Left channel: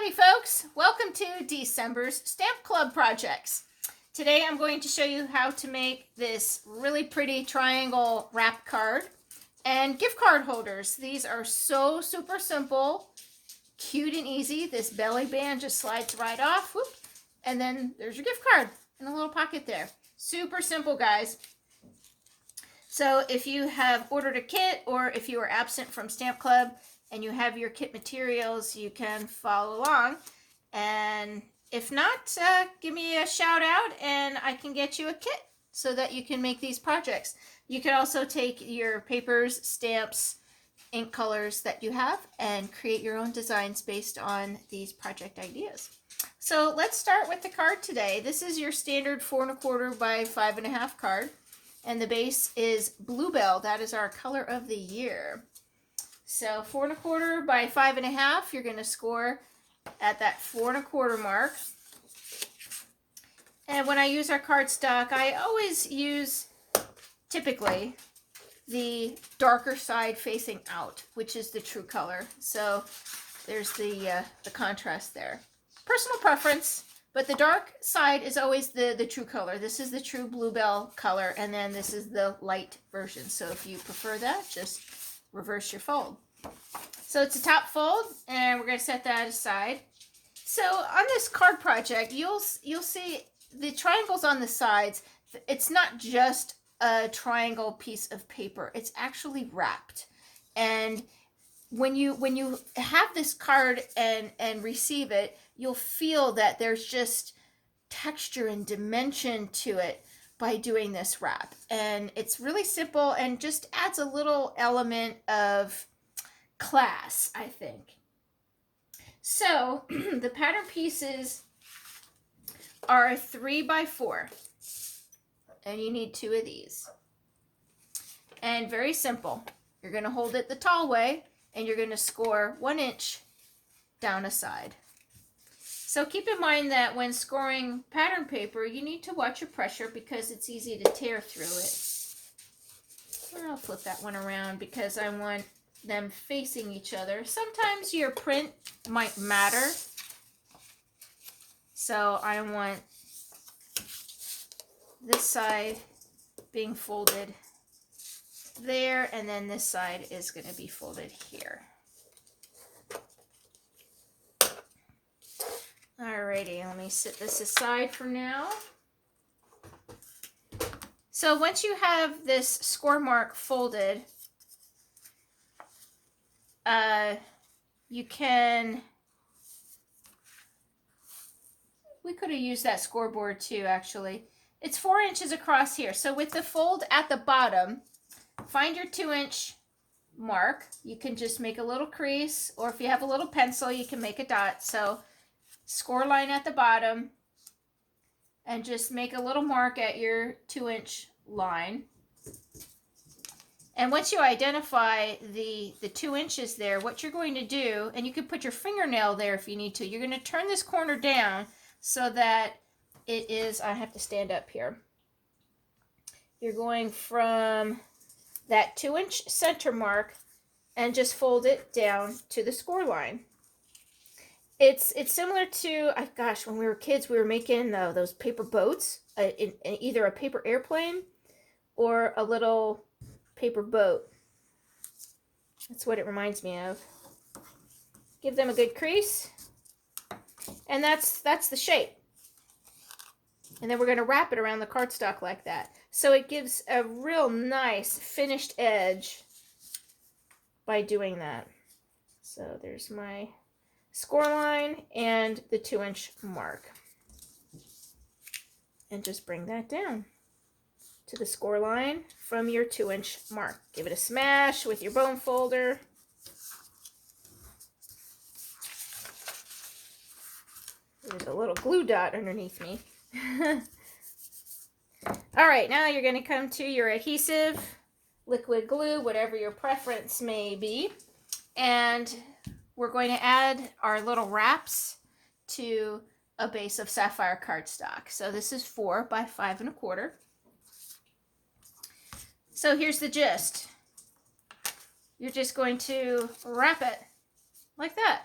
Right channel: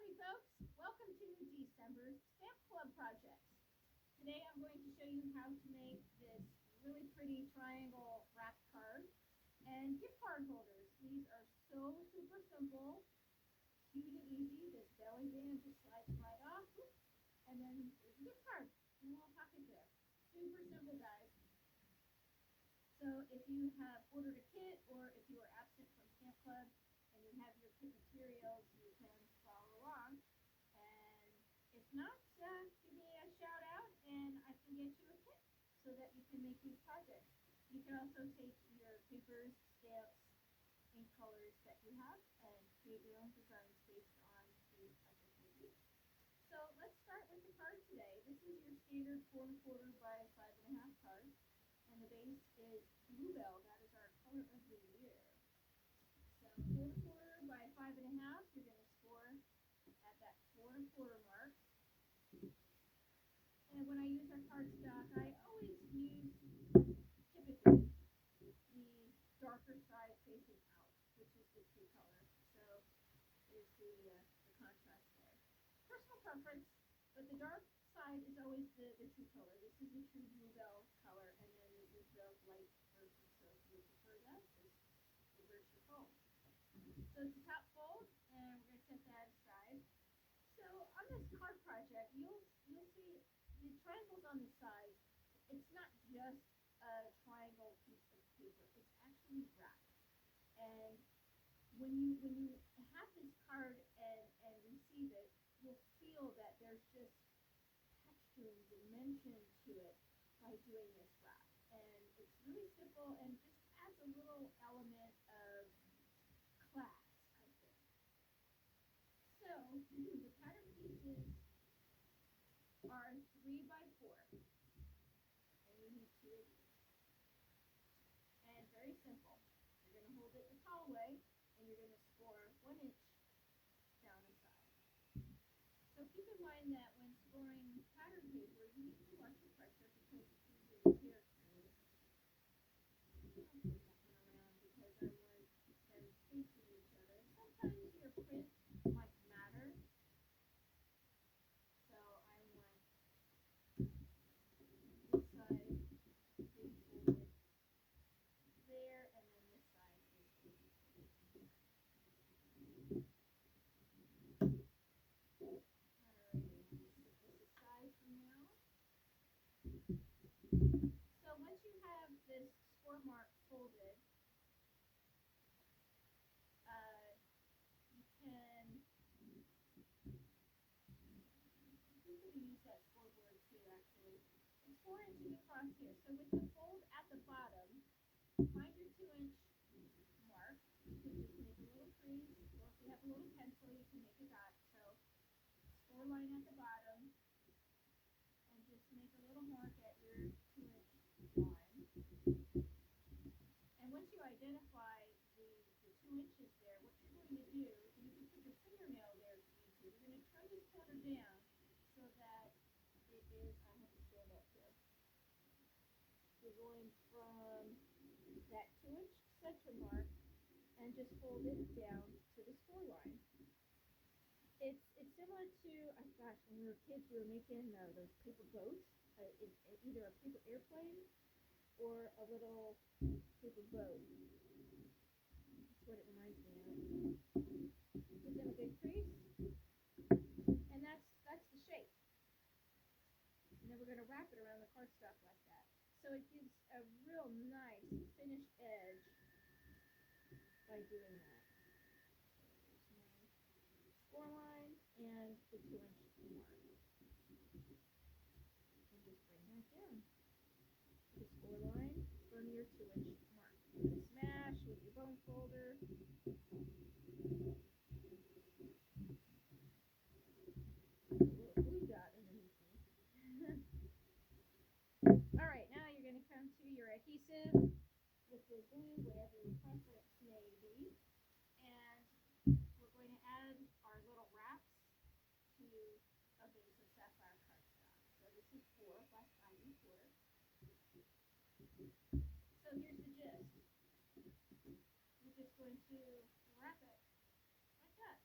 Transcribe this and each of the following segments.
Howdy folks, welcome to December's Stamp Club projects. Today I'm going to show you how to make this really pretty triangle wrap card and gift card holders. These are so super simple, cute and easy. This belly band just slides right off, whoop, and then there's your gift card in a little pocket there. Super simple, guys. So if you have ordered a kit or if you are absent from Stamp Club and you have your kit materials, you can follow along. And if not, give me a shout out and I can get you a kit so that you can make these projects. You can also take your papers, stamps, ink colors that you have and create your own designs based on these project ideas. So let's start with the card today. This is your standard 4 1/4 by 5 1/2 card. And the base is Bluebell. That is our color of the year. So 4 1/4 by 5 1/2, you're going to score at that 4 1/4 mark. And when I use our cardstock, I always use typically the darker side facing out, which is the true color. So there's the contrast there. Personal preference. But the dark side is always the true color. This is the true Bluebell color, and then this is the light version. So if you prefer that, just reverse your fold. So it's a top fold, and we're going to set that aside. So on this card project, you'll see the triangles on the sides. It's not just a triangle piece of paper. It's actually wrapped. And when you have this card and receive it, you'll feel that there's just texture and dimension to it by doing this wrap. And it's really simple and just adds a little element of class, I think. So the pattern pieces are 3 by 4. And you need 2 of these. And very simple. You're going to hold it the tall way and you're going to score 1 inch down a side. So keep in mind that when scoring pattern paper, you need to watch your pressure because it's easy to tear through it. And I'll flip that one around because I want them facing each other. Sometimes your print might matter. So I want this side being folded there, and then this side is going to be folded here. Alrighty, let me set this aside for now. So once you have this score mark folded, we could have used that scoreboard too, actually. It's 4 inches across here. So with the fold at the bottom, find your 2-inch mark. You can just make a little crease, or if you have a little pencil, you can make a dot. So score line at the bottom and just make a little mark at your 2-inch line. And once you identify the 2 inches there, what you're going to do, and you can put your fingernail there if you need to, you're going to turn this corner down so that it is, I have to stand up here. You're going from that 2-inch center mark and just fold it down to the score line. It's similar to, gosh, when we were kids, we were making those paper boats, in either a paper airplane or a little paper boat. That's what it reminds me of. Give them a good crease, and that's the shape. And then we're going to wrap it around the cardstock like that. So it gives a real nice finished edge by doing that. So there's my score line and the 2-inch mark. And just bring that down to the score line from your 2-inch mark. Give it a smash with your bone folder. There's a little glue dot underneath me. All right, now you're going to come to your adhesive, liquid glue, whatever your preference may be. And we're going to add our little wraps to a base of sapphire cardstock. So this is 4 by 5 1/4. So here's the gist. You're just going to wrap it like that.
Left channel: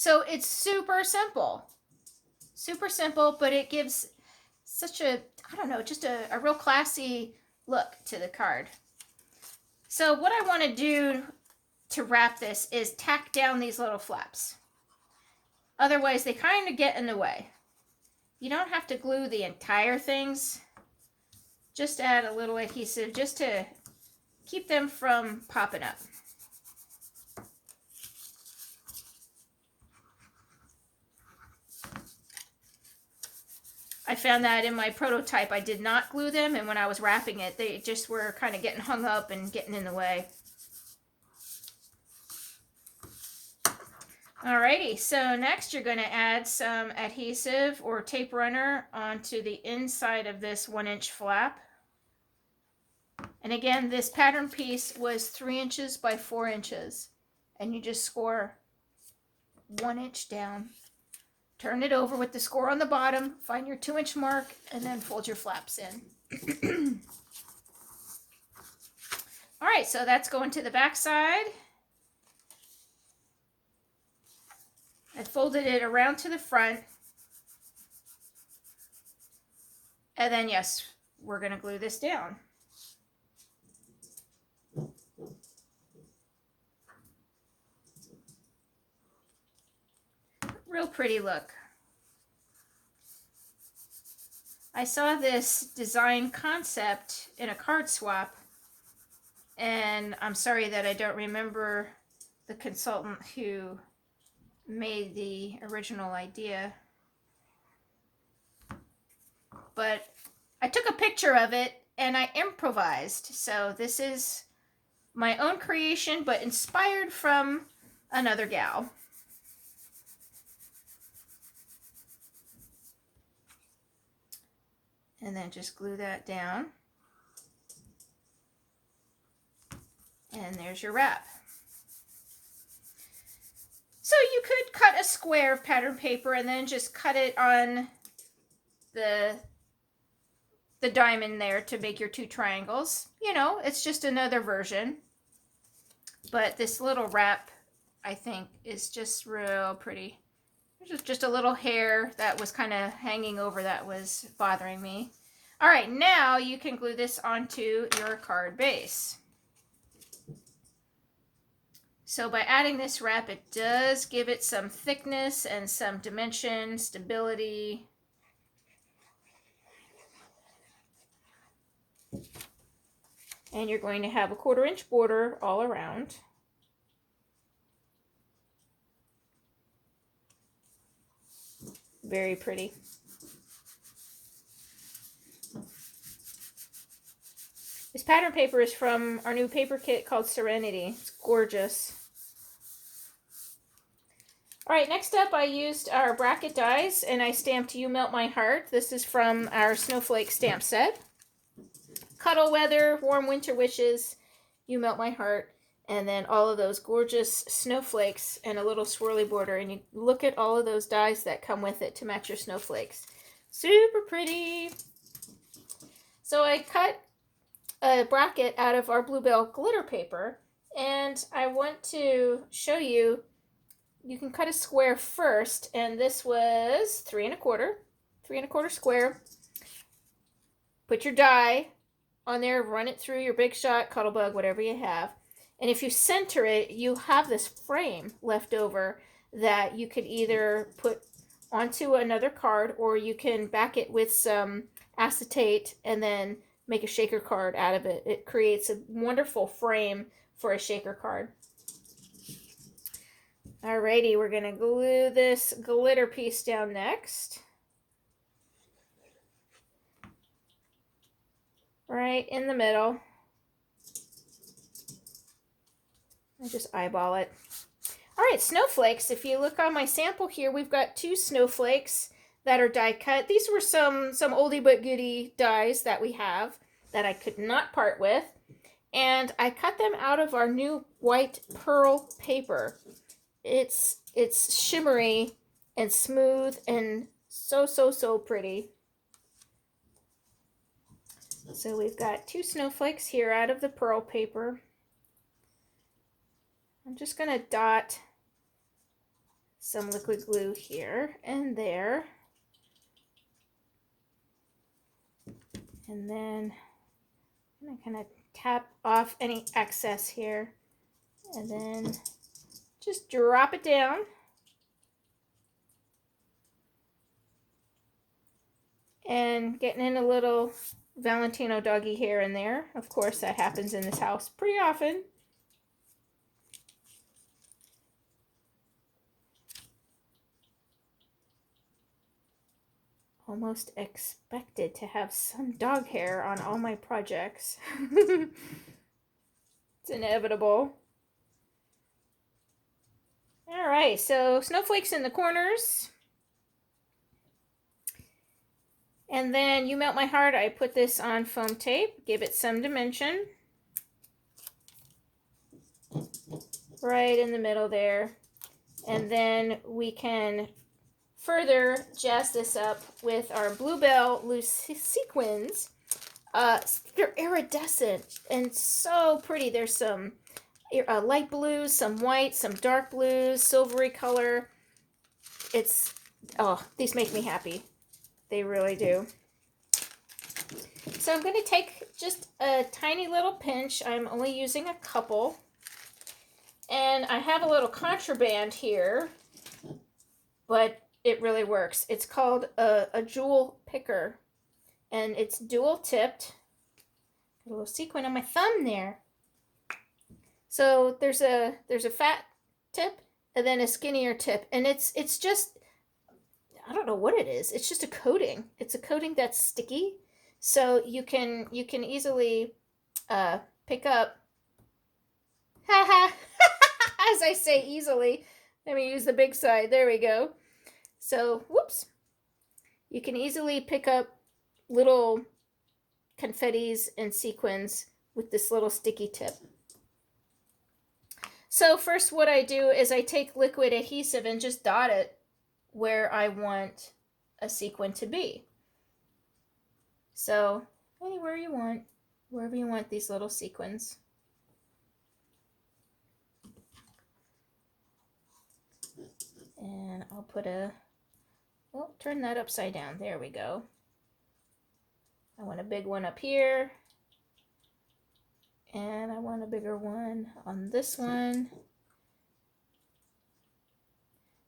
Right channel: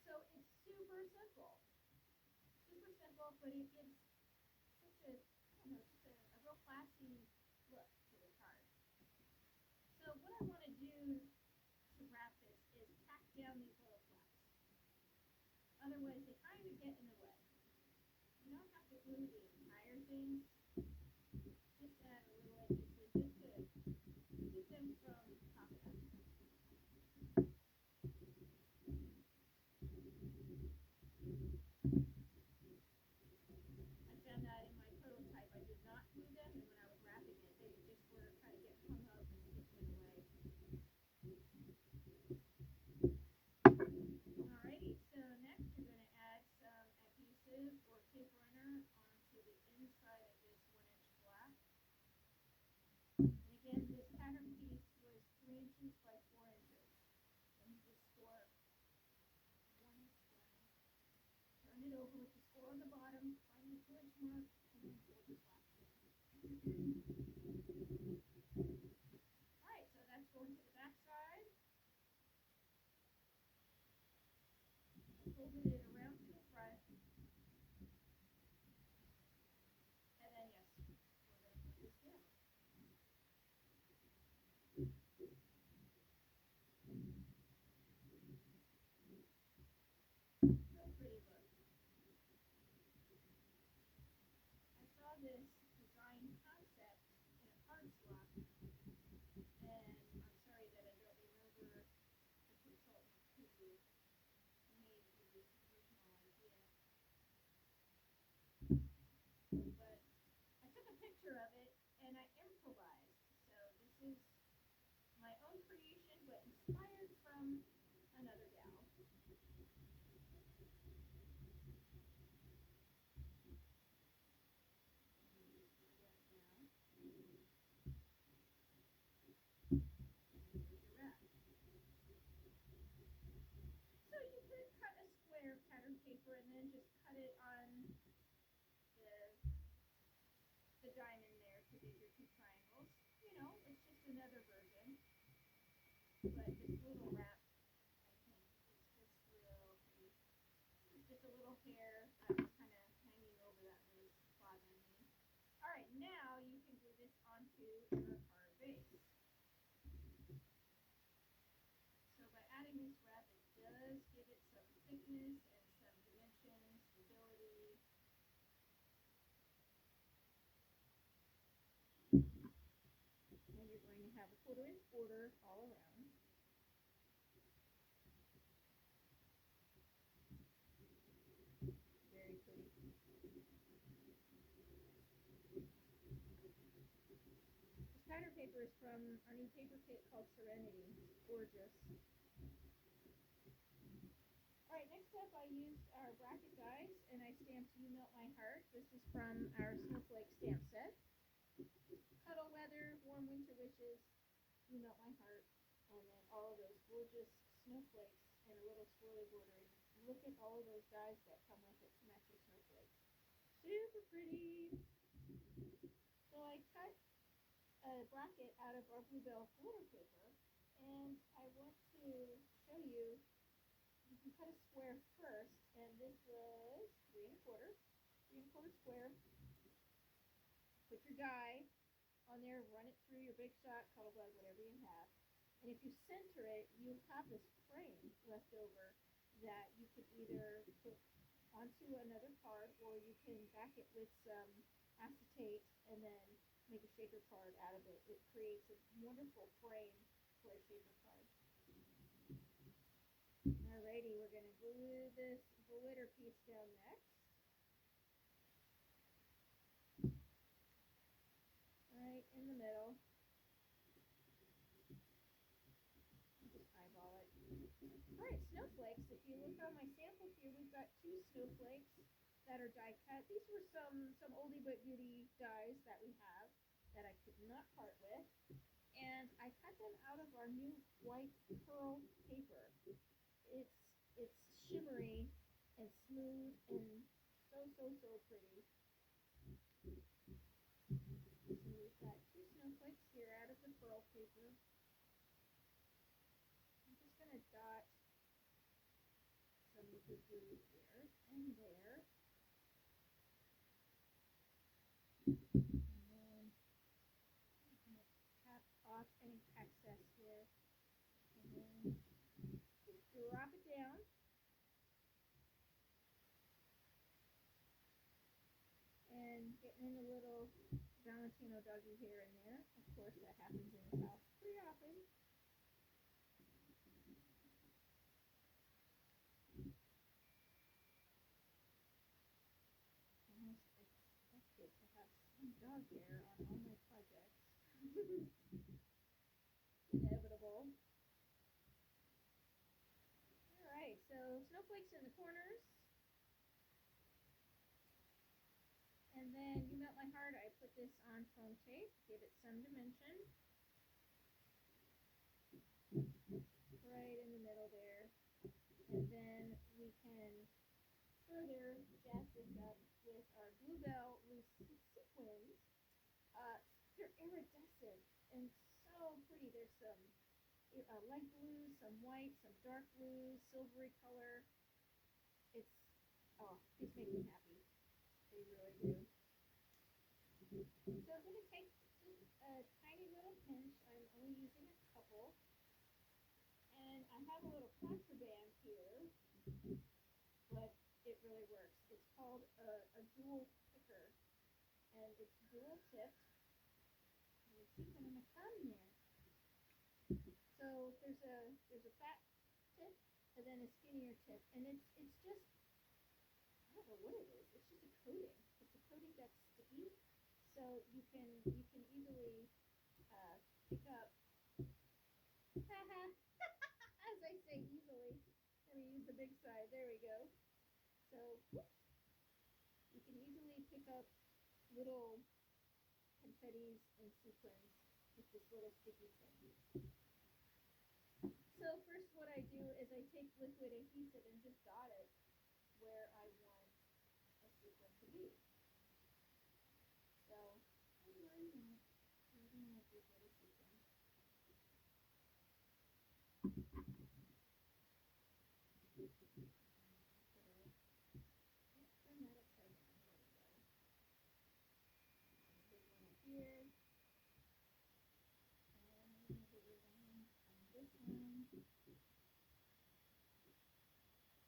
So it's super simple, but it gives such a, I don't know, just a real classy look to the card. So what I want to do to wrap this is tack down these little flaps. Otherwise, they kind of get in the way. You don't have to glue the entire things. Just add a little adhesive just to keep them from popping up. I found that in my prototype I did not glue them, and when I was wrapping it, they just were kind of getting hung up and getting in the way. Alrighty, so next you're going to add some adhesive or tape runner onto the inside of this 1-inch flap. And again, this pattern piece was 3 inches by 4 inches. And you just score 1 inch down. Turn it over with the score on the bottom, find your 2-inch mark, and then fold your flaps in. Alright, so that's going to the back side. I folded it around to the front. And then, yes, we're going to glue this down. Real pretty look. I saw this design concept in a card swap, and I'm sorry that I don't remember the consultant who made the original idea. But I took a picture of it and I improvised. So this is my own creation, but inspired from another gal. And then just glue that down. And there's your wrap. So you could cut a square of pattern paper and then just cut it on the diamond there to make your 2 triangles. You know, it's just another version. But this little wrap, I think, is just real pretty. There's just a little hair that was kind of hanging over that was bothering me. All right, now you can glue this onto your card base. So by adding this wrap, it does give it some thickness and some dimension, stability. And you're going to have a 1/4 inch border all around. Very pretty. This pattern paper is from our new paper kit called Serenity. It's gorgeous. All right, next up I used our bracket dies and I stamped You Melt My Heart. This is from our Snowflake stamp set. Cuddle Weather, Warm Winter Wishes, You Melt My Heart, and then all of those gorgeous snowflakes and a little swirly border. And you look at all of those dies that come with it to match your snowflakes. Super pretty. So I cut a bracket out of our Bluebell glitter paper, and I want to show you, you can cut a square first, and this was 3 1/4 square. Put your die on there, run it through your Big Shot, Cuttlebug, whatever you have. And if you center it, you have this frame left over that you could either put onto another card, or you can back it with some acetate and then make a shaker card out of it. It creates a wonderful frame for a shaker card. Alrighty, we're going to glue this glitter piece down next. Right in the middle. I just eyeball it. Alright, snowflakes. If you look on my sample here, we've got 2 snowflakes that are die cut. These were some oldie but goodie dies that we have that I could not part with. And I cut them out of our new white pearl paper. It's shimmery and smooth and so pretty. So we've got 2 snowflakes here out of the pearl paper. I'm just going to dot some liquid glue here and there. And then I'm going to kind of tap off any excess here. And then just drop it down. And getting in a little Valentino doggy here and there. Of course, that happens in this house pretty often. Almost expected to have some dog hair on all my projects. It's inevitable. All right, so snowflakes in the corners. And then You Melt My Heart, I put this on foam tape, give it some dimension. Right in the middle there. And then we can further jazz this up with our Bluebell loose sequins. They're iridescent and so pretty. There's some light blues, some white, some dark blues, silvery color. These make me happy. They really do. So I'm going to take just a tiny little pinch. I'm only using a couple. And I have a little contraband here, but it really works. It's called a jewel picker, and it's dual tipped. A little sequin on my thumb there. So there's a fat tip and then a skinnier tip, and it's just, I don't know what it is. It's just a coating. It's a coating that's sticky, so you can easily pick up. Haha. As I say easily, let me use the big side. There we go. So, whoops. You can easily pick up little confettis and sequins with this little sticky tip. So first what I do is I take liquid adhesive and just dot it where I want a sequin to be. So anywhere you want, wherever you want these little sequins. And I'll put turn that upside down. There we go. I want a big one up here. And I want a bigger one on this one.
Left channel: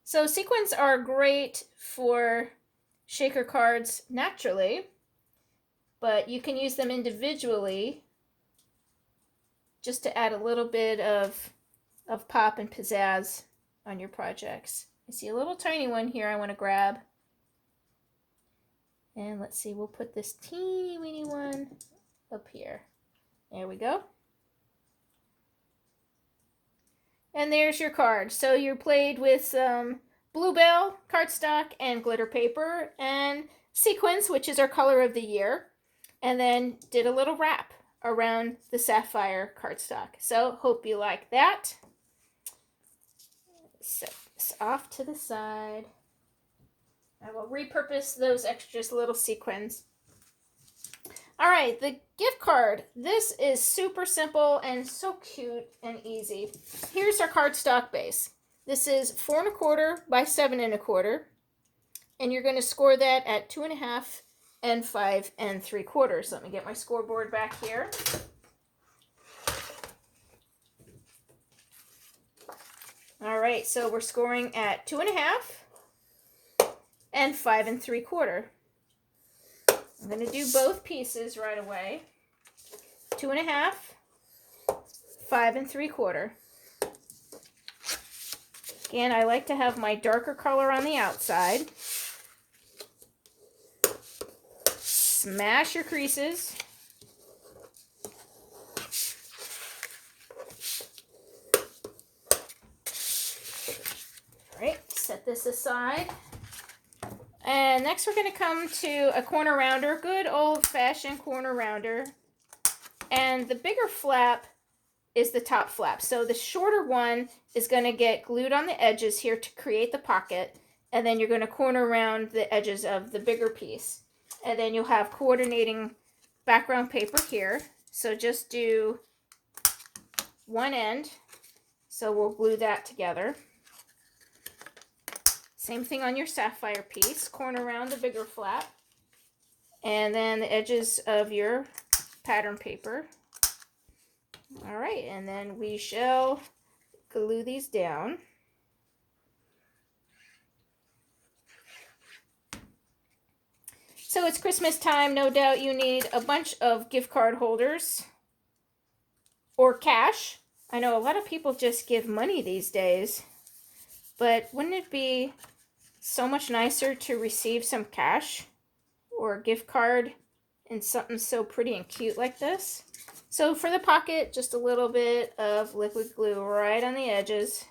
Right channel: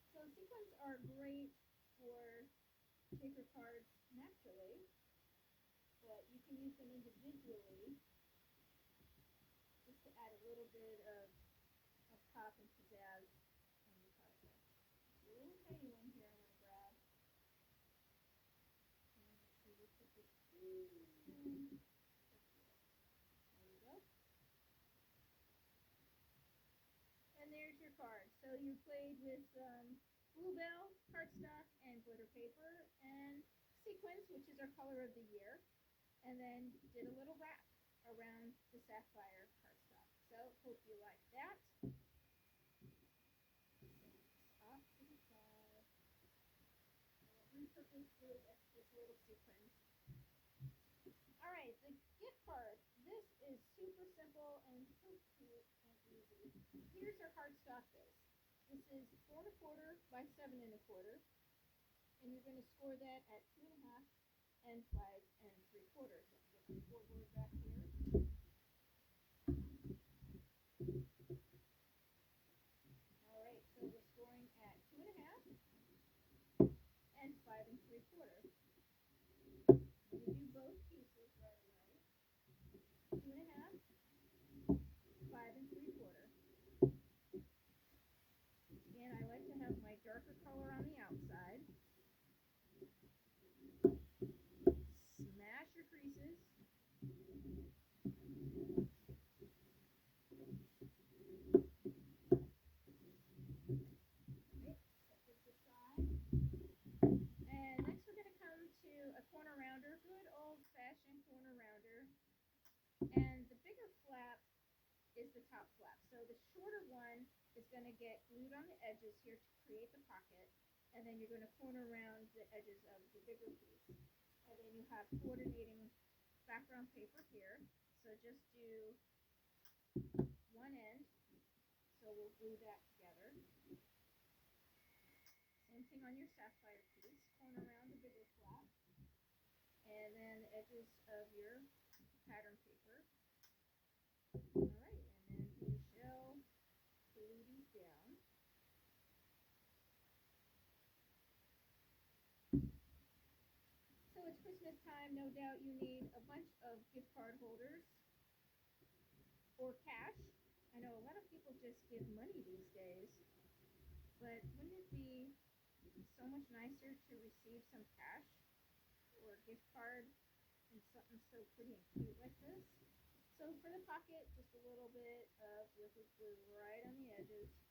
So sequins are great for shaker cards naturally, but you can use them individually just to add a little bit of pop and pizzazz on your projects. I see a little tiny one here I want to grab. And let's see, we'll put this teeny weeny one up here. There we go. And there's your card. So you played with some Bluebell cardstock and glitter paper and sequins, which is our color of the year. And then did a little wrap around the sapphire cardstock. So hope you like that. Set this off to the side. I will repurpose those extra little sequins. All right, the gift card. This is super simple and so cute and easy. Here's our cardstock base. This is 4 1/4 by 7 1/4, and you're going to score that at 2 1/2 and 5 3/4. Let me get my scoreboard back here. All right, so we're scoring at 2 1/2 and 5 3/4. I'm going to do both pieces right away. 2 1/2, 5 3/4. Again, I like to have my darker color on the outside. Smash your creases. All right, set this aside. And next we're going to come to a corner rounder, good old-fashioned corner rounder. And the bigger flap is the top flap. So the shorter one is going to get glued on the edges here to create the pocket. And then you're going to corner round the edges of the bigger piece. And then you'll have coordinating background paper here. So just do one end. So we'll glue that together. Same thing on your sapphire piece. Corner around the bigger flap. And then the edges of your pattern paper. All right, and then we shall glue these down. So it's Christmas time. No doubt you need a bunch of gift card holders or cash. I know a lot of people just give money these days, but wouldn't it be so much nicer to receive some cash or a gift card in something so pretty and cute like this? So for the pocket, just a little bit of liquid glue right on the edges.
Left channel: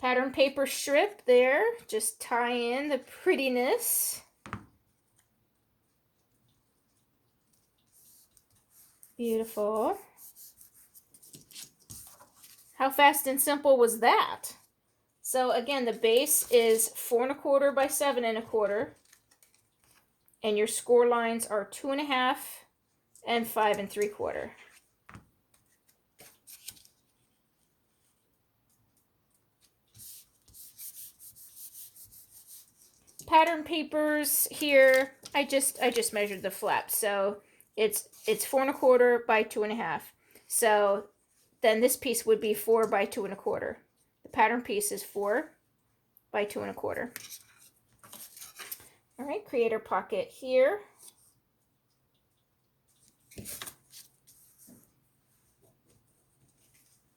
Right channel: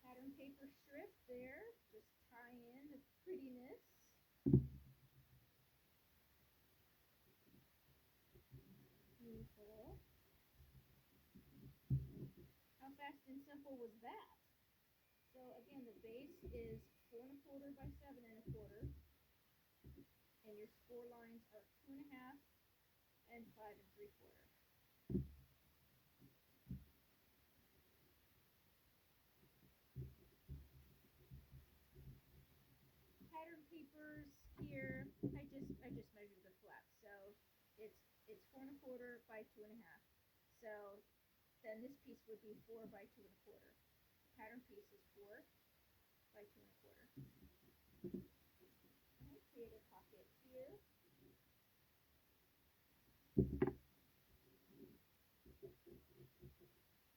Pattern paper strip there, just tie in the prettiness. Beautiful. How fast and simple was that? So again, the base is 4 1/4 by 7 1/4. And your score lines are 2 1/2 and 5 3/4. Pattern papers here, I just measured the flap, so it's 4 1/4 by 2 1/2. So then this piece would be 4 by 2 1/4. The pattern piece is 4 by 2 1/4. All right, create our pocket here.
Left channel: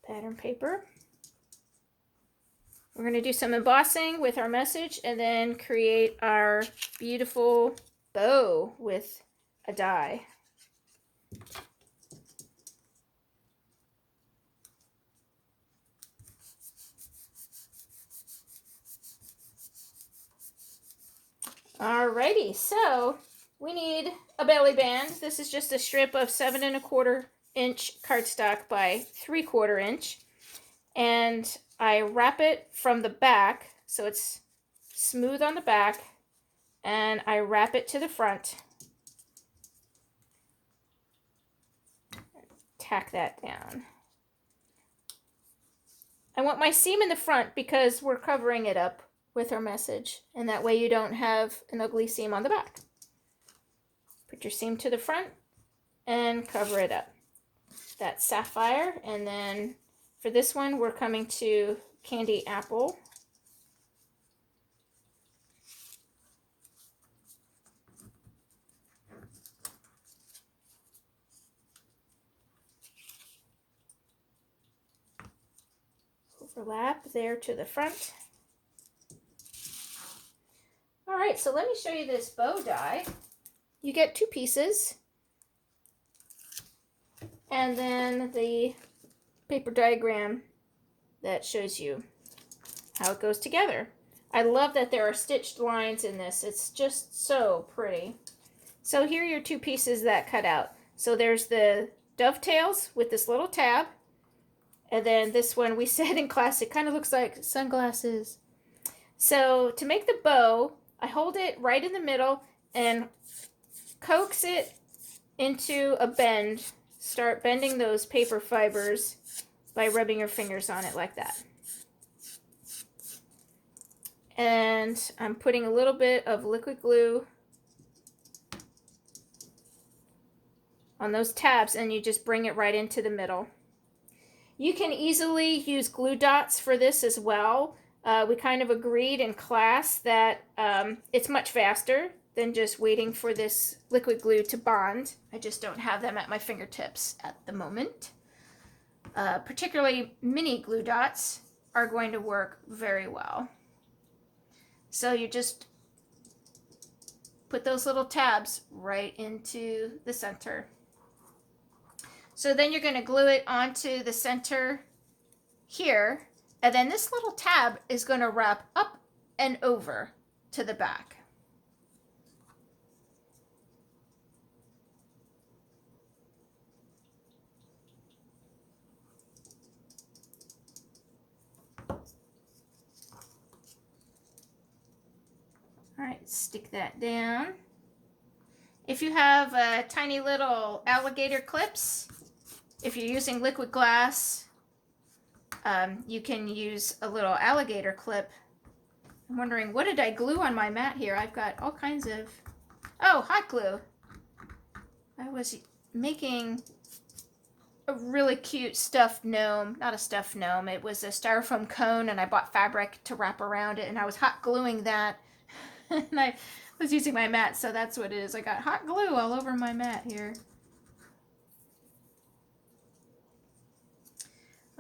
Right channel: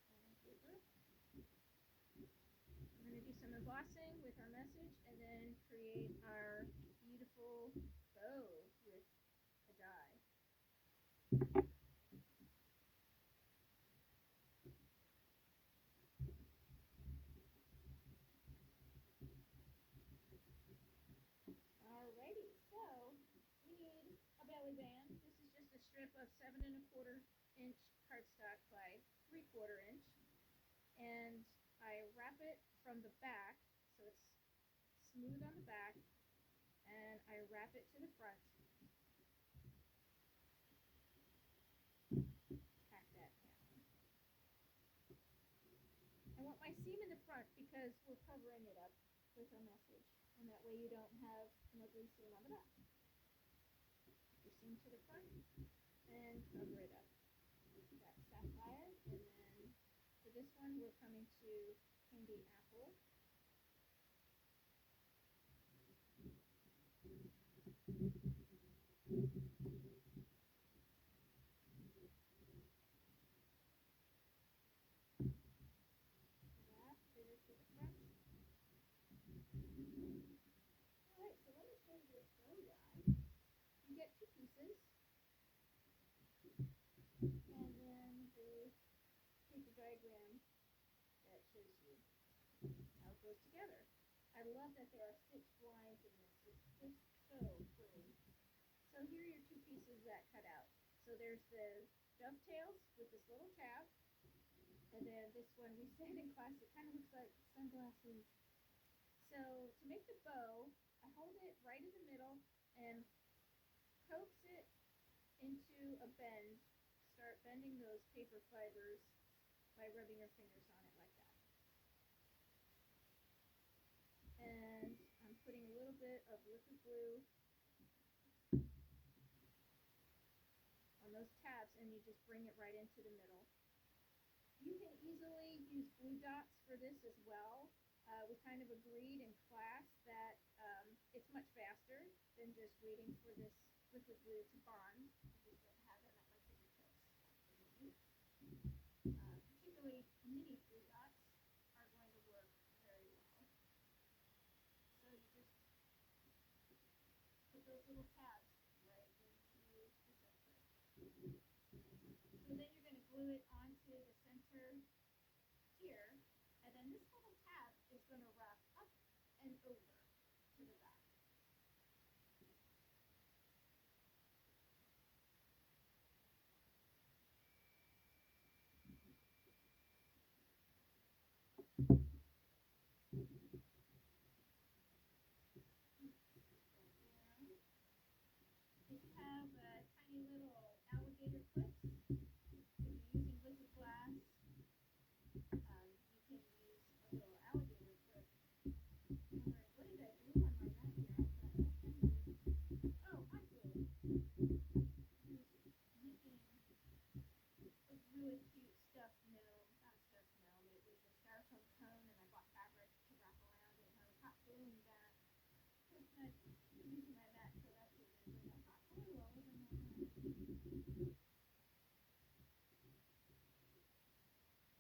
Pattern paper. We're going to do some embossing with our message and then create our beautiful bow with a die. Alrighty, so we need a belly band. This is just a strip of 7 1/4 inch cardstock by 3/4 inch. And I wrap it from the back so it's smooth on the back, and I wrap it to the front. Tack that down. I want my seam in the front because we're covering it up with our message, and that way you don't have an ugly seam on the back. Put your seam to the front and cover it up. That's sapphire, and then for this one we're coming to candy apple. Overlap there to the front. All right, so let me show you this bow die. You get 2 pieces, and then the paper diagram that shows you how it goes together. I love that there are stitched lines in this. It's just so pretty. So here are your 2 pieces that cut out. So there's the dovetails with this little tab, and then this one we said in class it kind of looks like sunglasses. So to make the bow, I hold it right in the middle and coax it into a bend. Start bending those paper fibers by rubbing your fingers on it like that. And I'm putting a little bit of liquid glue on those tabs, and you just bring it right into the middle. You can easily use glue dots for this as well. We kind of agreed in class that it's much faster than just waiting for this liquid glue to bond. I just don't have them at my fingertips at the moment. Particularly mini glue dots are going to work very well. So you just put those little tabs right into the center. So then you're going to glue it onto the center here, and then this little tab is going to wrap up and over to the back. All right, stick that down. If you have tiny little alligator clips, if you're using liquid glass, you can use a little alligator clip. I'm wondering, what did I glue on my mat here? I've got all kinds of, oh, hot glue. I was making a really cute stuffed gnome, not a stuffed gnome, it was a styrofoam cone, and I bought fabric to wrap around it, and I was hot gluing that, and I was using my mat, so that's what it is. I got hot glue all over my mat here.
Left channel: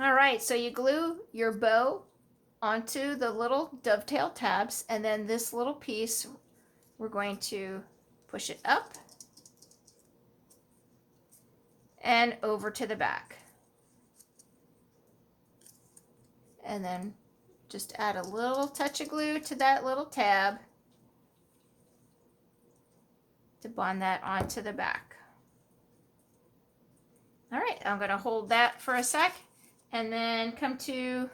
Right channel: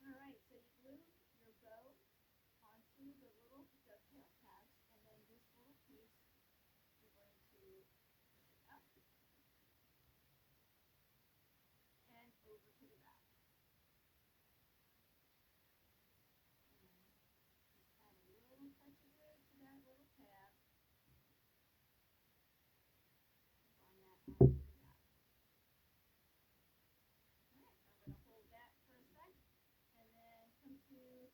All right, so you glue your bow onto the little dovetail tabs, and then this little piece, we're going to push it up and over to the back. And then just add a little touch of glue to that little tab to bond that onto the back. All right, I'm going to hold that for a sec and then come to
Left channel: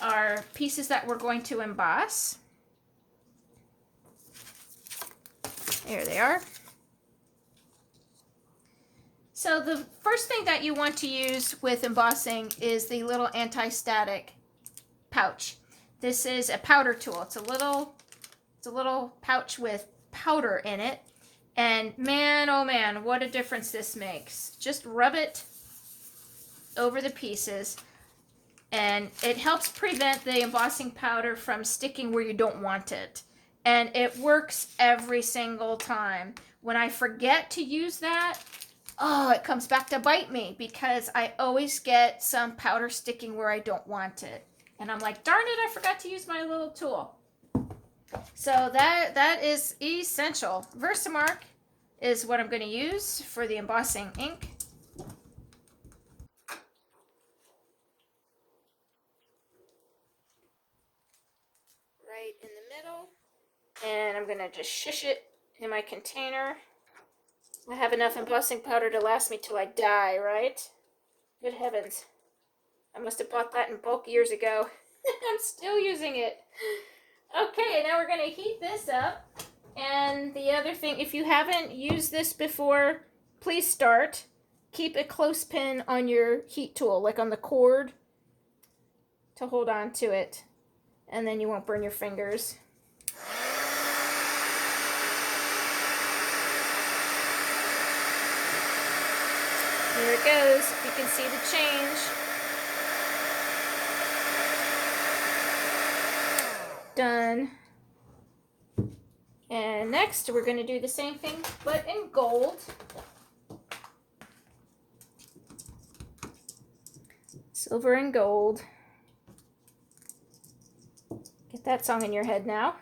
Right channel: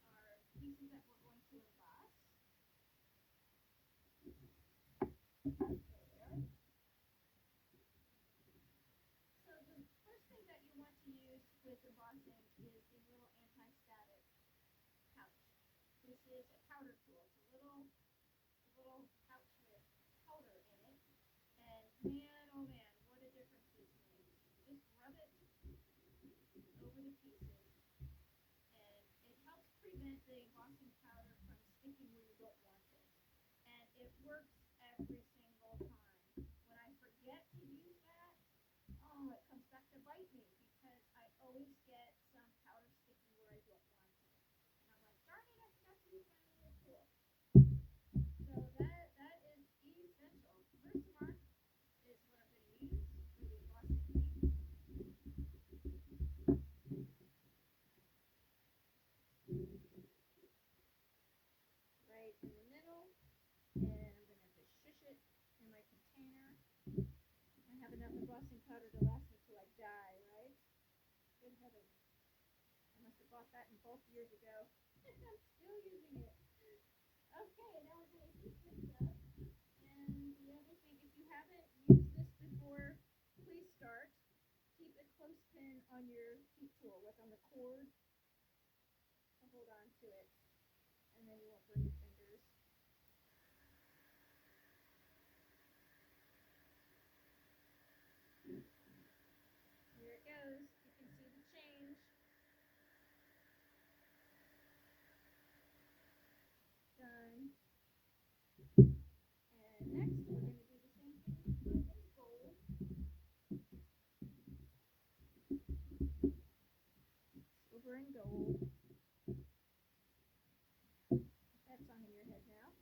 our pieces that we're going to emboss. There they are. So the first thing that you want to use with embossing is the little anti-static pouch. This is a powder tool. It's a little pouch with powder in it. And man, oh man, what a difference this makes. Just rub it over the pieces, and it helps prevent the embossing powder from sticking where you don't want it. And it works every single time. When I forget to use that, oh, it comes back to bite me, because I always get some powder sticking where I don't want it. And I'm like, darn it, I forgot to use my little tool. So that is essential. Versamark is what I'm going to use for the embossing ink. Right in the middle. And I'm going to just shush it in my container. I have enough embossing powder to last me till I die, right? Good heavens. I must have bought that in bulk years ago. I'm still using it. Okay, now we're going to heat this up. And the other thing, if you haven't used this before, please start. Keep a clothespin on your heat tool, like on the cord, to hold on to it. And then you won't burn your fingers. Here it goes. You can see the change. Done. And next we're going to do the same thing, but in gold. Silver and gold. Get that song in your head now.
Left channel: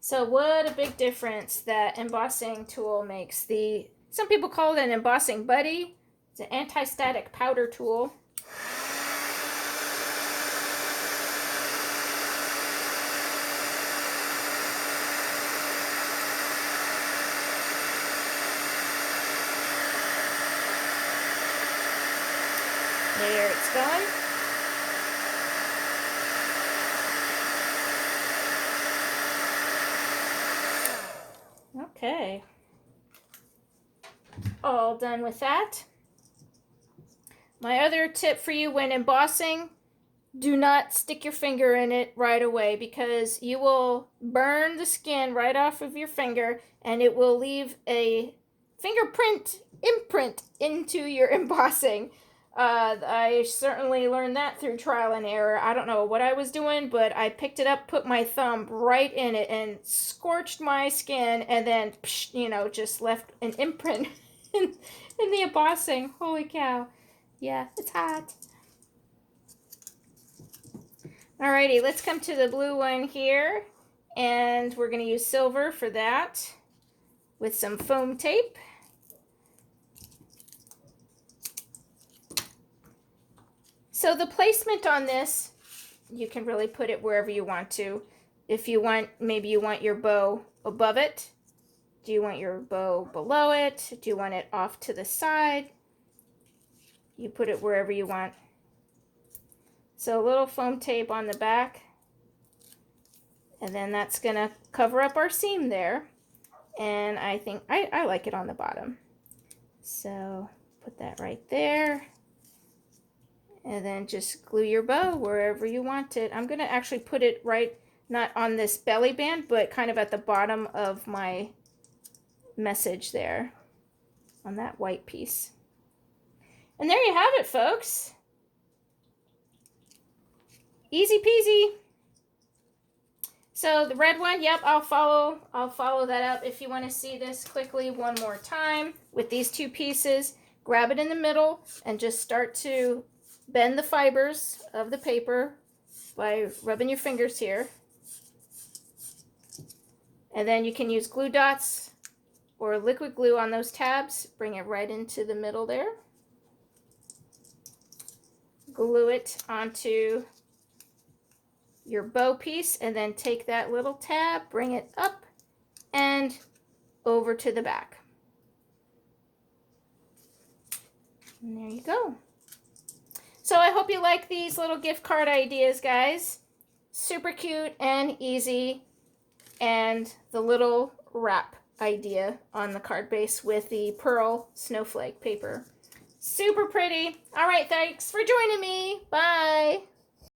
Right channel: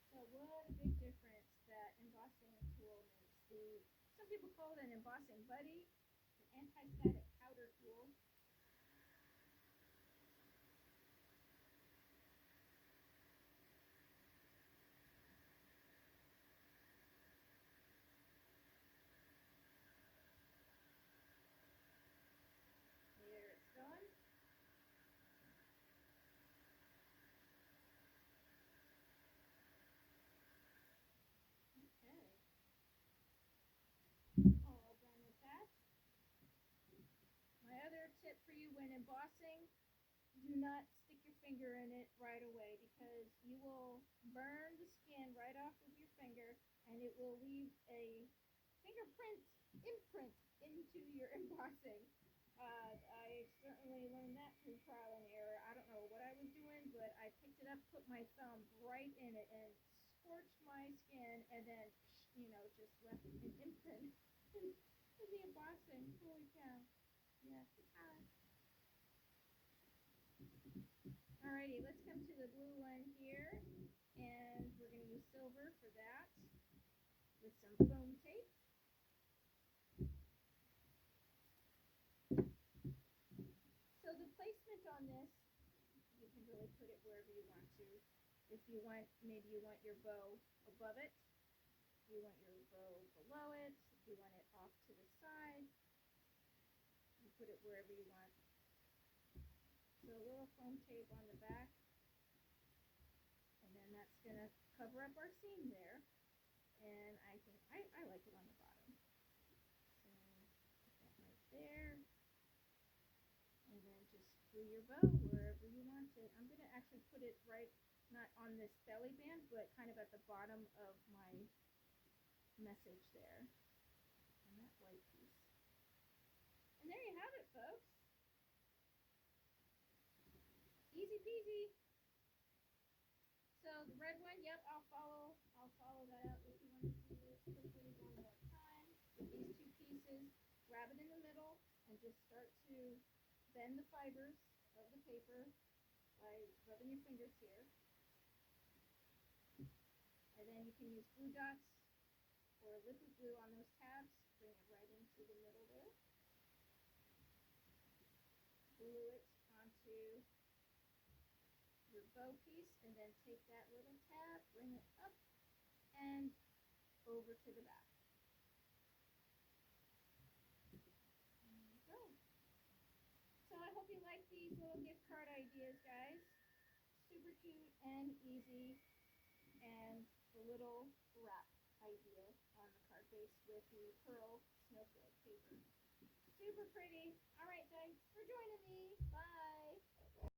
So what a big difference that embossing tool makes. Some people call it an embossing buddy. It's an anti-static powder tool. There it's going. Okay. All done with that. My other tip for you when embossing, do not stick your finger in it right away, because you will burn the skin right off of your finger, and it will leave a imprint into your embossing. I certainly learned that through trial and error. I don't know what I was doing, but I picked it up, put my thumb right in it, and scorched my skin, and then, just left an imprint in the embossing. Holy cow. Yeah, it's hot. Alrighty, let's come to the blue one here, and we're going to use silver for that with some foam tape. So the placement on this, you can really put it wherever you want to. If you want, maybe you want your bow above it. Do you want your bow below it? Do you want it off to the side? You put it wherever you want. So a little foam tape on the back, and then that's gonna cover up our seam there. And I think I like it on the bottom. So put that right there. And then just glue your bow wherever you want it. I'm gonna actually put it right, not on this belly band, but kind of at the bottom of my message there on that white piece. And there you have it, folks. Easy peasy. So the red one, yep, I'll follow that up. If you want to see this quickly one more time with these two pieces, grab it in the middle and just start to bend the fibers of the paper by rubbing your fingers here. And then you can use glue dots or liquid glue on those tabs. Bring it right into the middle there. Glue it onto your bow piece, and then take that little tab, bring it up and over to the back. And there you go. So I hope you like these little gift card ideas, guys. Super cute and easy. And the little wrap idea on the card base with the pearl snowflake paper. Super pretty. All right, thanks for joining me. Bye.